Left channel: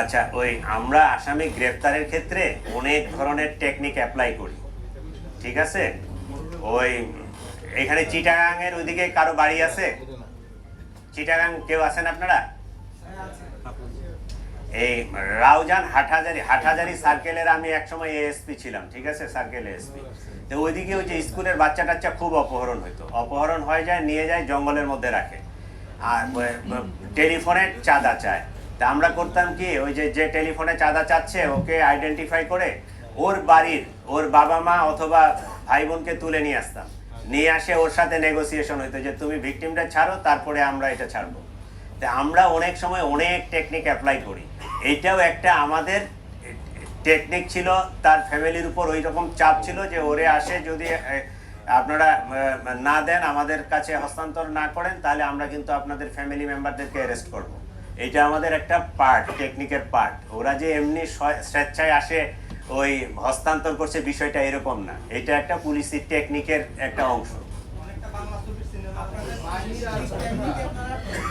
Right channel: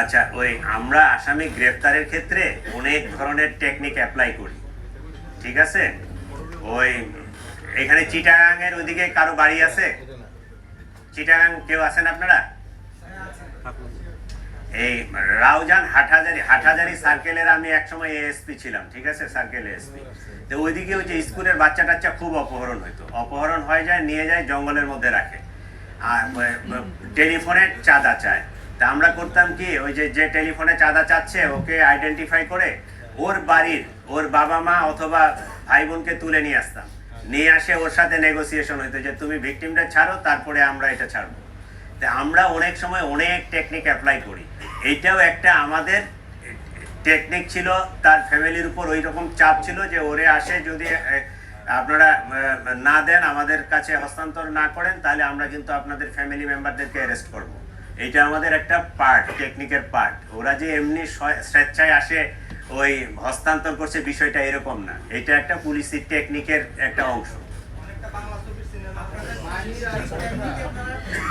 আচ্ছা ওই আমরা আসামি গ্রেফতারের ক্ষেত্রে অনেক ধরনের টেকনিক অ্যাপ্লাই করি। ঠিক আছে? ওই এখানে চিটাগাং এর ওইদিকে কারও বাড়ি আছে? চিটাগাং কেউ আছেন আপনারা? এই রাউজান হাটহাজারি হাটহাজারি সার্কেলের আমি একসময় এএসপি ছিলাম, ঠিক আছে? সার্কেল এএসপি তো ওইদিকে ওই যে স্কুলের বাচ্চা টাচ্চা খুব অপহরণ হইতো। অপহরণ হয়ে যায়, নিয়ে যায়, জঙ্গলের মধ্যে রাখে। টেলিফোনে চাঁদা চায়। তা আমরা করতাম কি, ওই যে যে টেলিফোনে চাঁদা চাচ্ছে, ওকে আইডেন্টিফাই করে ওর বাড়ির, ওর বাবা মা অথবা ভাই বোনকে তুলে নিয়ে আসতাম। নিয়ে আসে ওর সাথে নেগোসিয়েশন হইতো যে, তুমি ভিকটিমটা ছাড়ো, তারপরে আমরা এটা ছাড়বো। তা আমরা অনেক সময় অনেক টেকনিক অ্যাপ্লাই করি। এইটাও একটা আমাদের টেকনিক ছিল, তার ফ্যামিলির উপর ওই রকম চাপ ছিল যে, ওরে আসে যদি আপনারা না দেন, আমাদের কাছে হস্তান্তর না করেন, তাহলে আমরা কিন্তু আপনাদের ফ্যামিলি মেম্বারদেরকে অ্যারেস্ট করব। এটা আমাদের একটা পার্ট টেকনিকের পার্ট ওরা যে এমনি স্বেচ্ছায় আসে, ওই হস্তান্তর করছে, বিষয়টা এরকম না। এটা একটা পুলিশি টেকনিকের একটা অংশ।